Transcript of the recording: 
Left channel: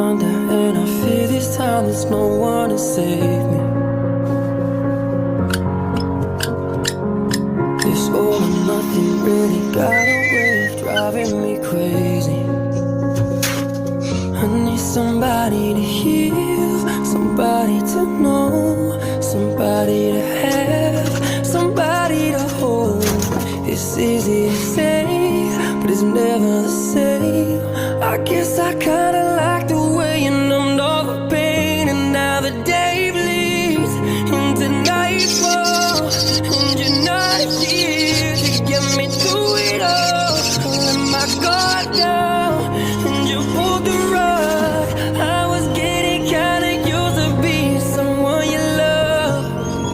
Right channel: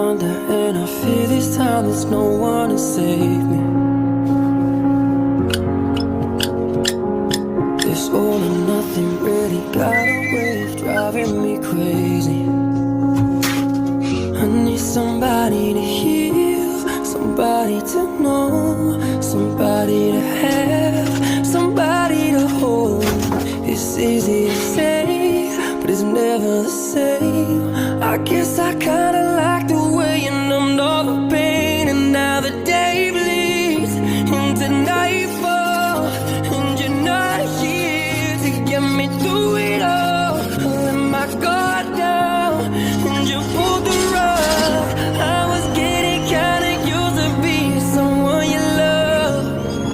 under, and I fear this time there's no one to save me. This all or nothing really got a way of driving me crazy. I need somebody to heal, somebody to know, somebody to have, somebody to hold. It's easy to say, but it's never the same. I guess I kinda like the way you numbed all the pain, and now the day bleeds into nightfall, and you're not here to get me through it all. I let my guard down,